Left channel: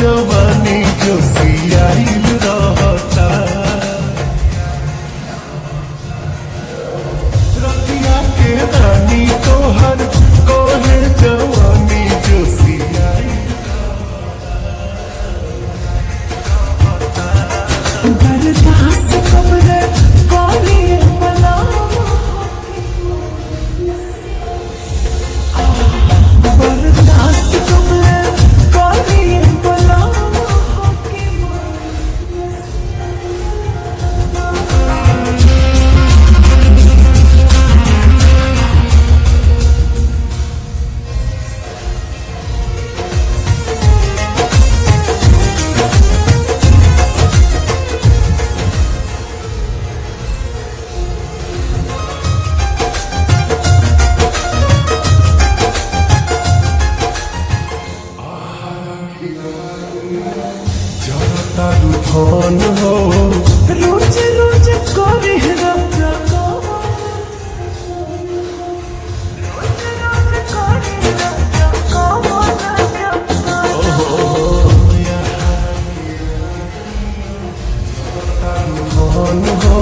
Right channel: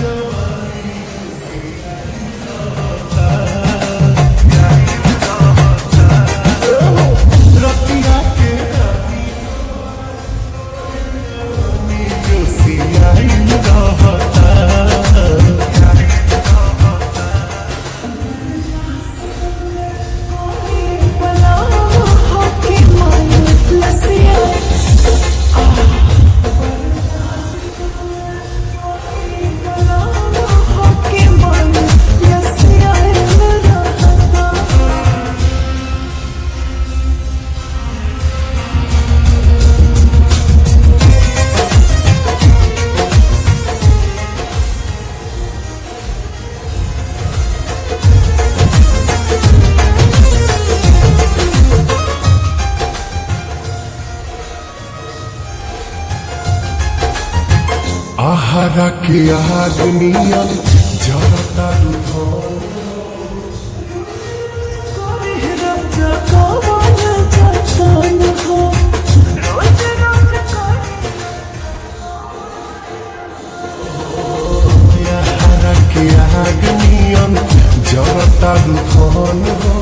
जवानी जो सियाइल रहता रतिया के रानी तोहर कोहे जवानी जो सियाइल रहता बर्दाश्त करे कोरी बला होके मन लसिया बर्दाश्त करे कोरी बला होके मन लसिया आहारा के आदमिया जरता दुधन हो रोज रोज कोरी राजा कवन जतन हो रोज रोज कोरी राजा कवन जतन आहारा के आदमिया जरता दुधन हो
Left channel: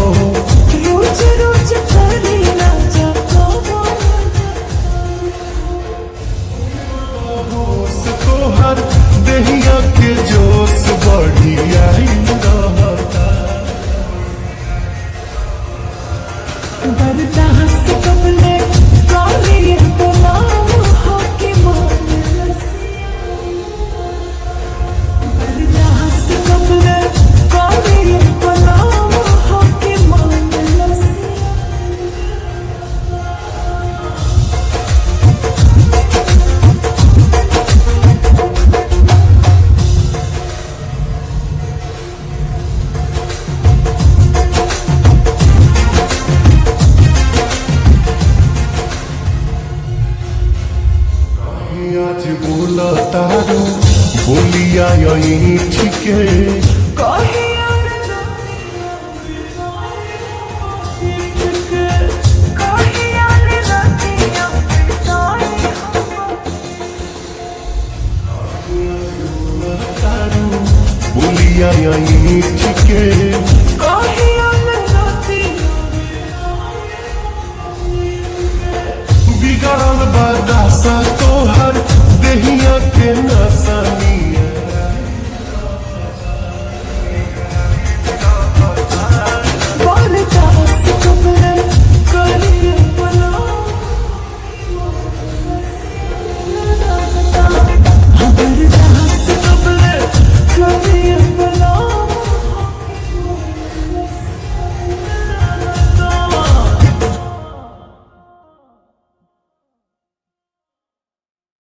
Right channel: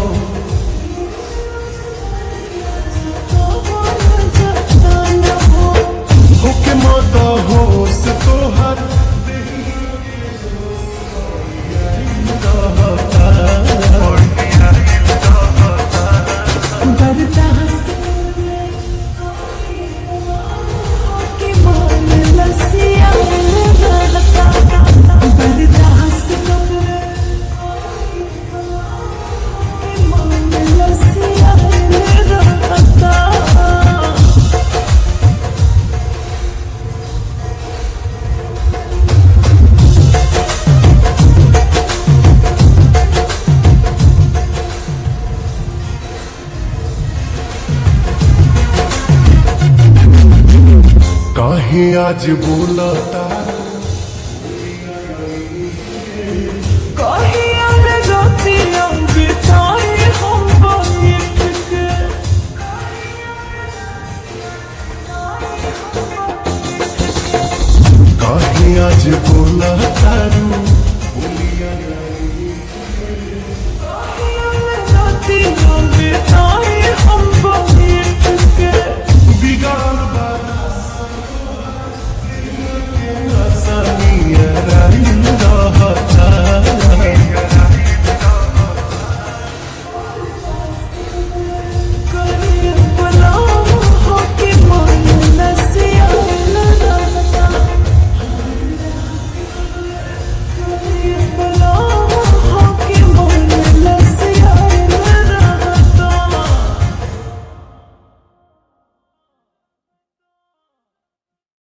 रोज रोज कोरी राजा कवन जतन हो होके मद होश तोहर देहिया के जोश बढ़िया रहता बर्दाश्त करे कोरी बला होके मन लसिया बर्दाश्त करे कोरी बला होके मन लसिया रहता काहे आज बोला तारू बोलिया यही छिके कहिया में रातियां बिताए हम बाइट के कहिया में रातियां बिताए हम बाइट के काहे आज बोला तारू बोलिया यही छिके कहिया में रातियां बिताए हम बाइट के बिगड़ल बदासा तोहर देहिया के नसा